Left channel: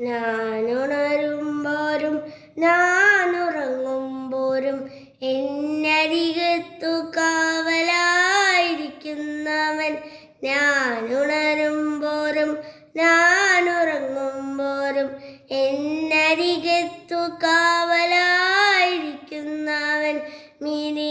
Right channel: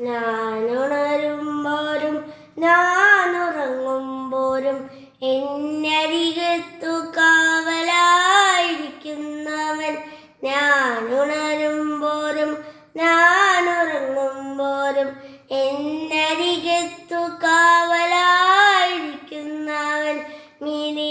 ഞാനുണരുമ്പോരും ഞാനുറങ്ങുമ്പോരും എന്നരികത്തു കാവലായിരിക്കുന്നവൻ. ഞാനുണരുമ്പോരും ഞാനുറങ്ങുമ്പോരും എന്നരികത്തു കാവലായിരിക്കുന്നവൻ. Mini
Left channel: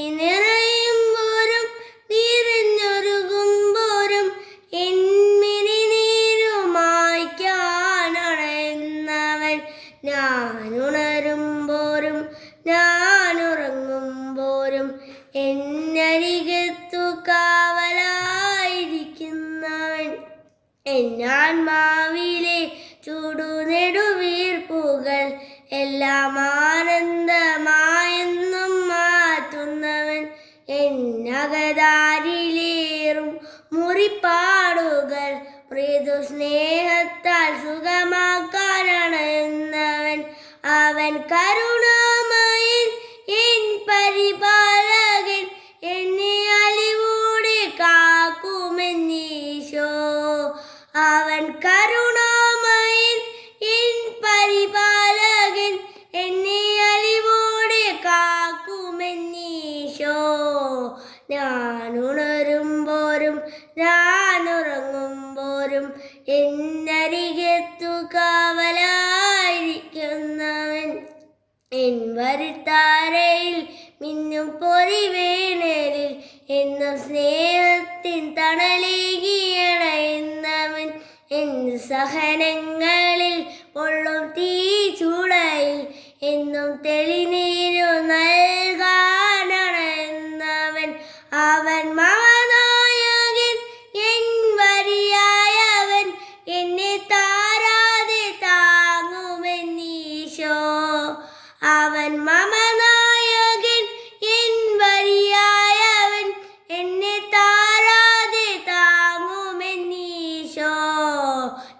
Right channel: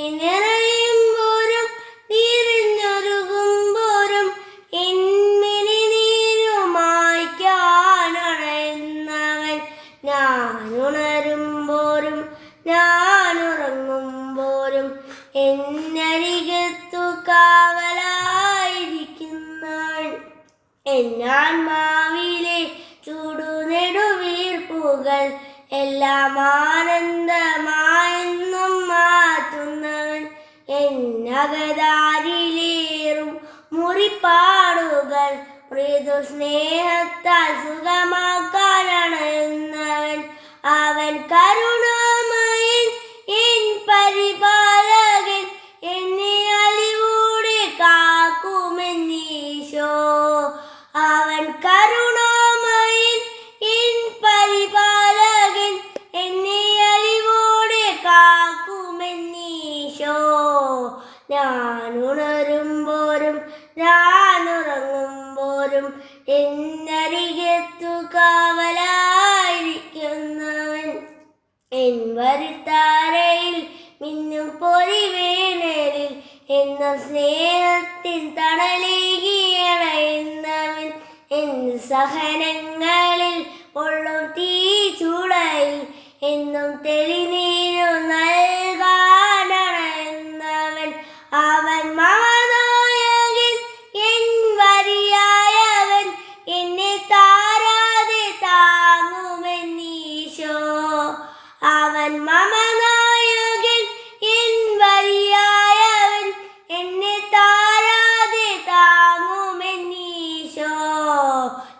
ഞാനുണരുമ്പോരും ഞാനുറങ്ങുമ്പോരും എന്നരികത്തു കാവലായിരിക്കുന്നവൻ എന്നാത്മാവിലെ ചൂടുനെടുവീർപ്പുകൾ എല്ലാം ആനന്ദമായെന്നും മാറ്റുന്നവൻ എന്നകതാരിലേറും മുറിപ്പാടുകൾ മൃദു സ്നേഹത്താൽ അവൻ കരുണാമയൻ എൻ ഞാനുണരുമ്പോരും ഞാനുറങ്ങുമ്പോരും എന്നരികത്തു കാവലായിരിക്കുന്നവൻ എൻ വരുത്താരയിൽ മിന്നും പൊരിവേണലിൽ എന്നും സ്നേഹത്തിൻ തണലേകിയണയുന്നവൻ എൻ സഹനങ്ങളിൽ പൊള്ളും തീ ചൂടയിൽ എന്നും തെളിനീരു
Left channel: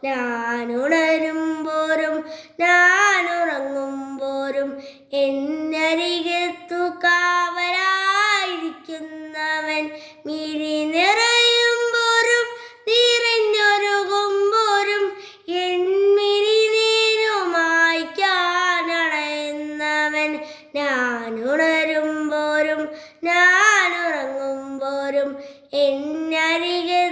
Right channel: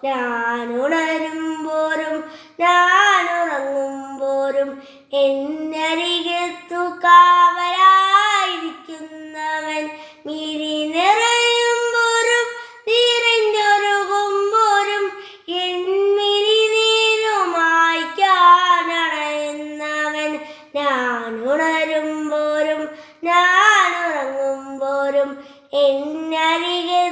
ഞാനുണരുമ്പോരും ഞാനുറങ്ങുമ്പോരും എന്നരികത്തു കാവലായിരിക്കുന്നവൻ മിരി നിറയുമ്പോരും നിറഞ്ഞൊരുകുമ്പോരും എന്മിരി പോരും ഞാനുറങ്ങും പോരും എന്നരികത്തു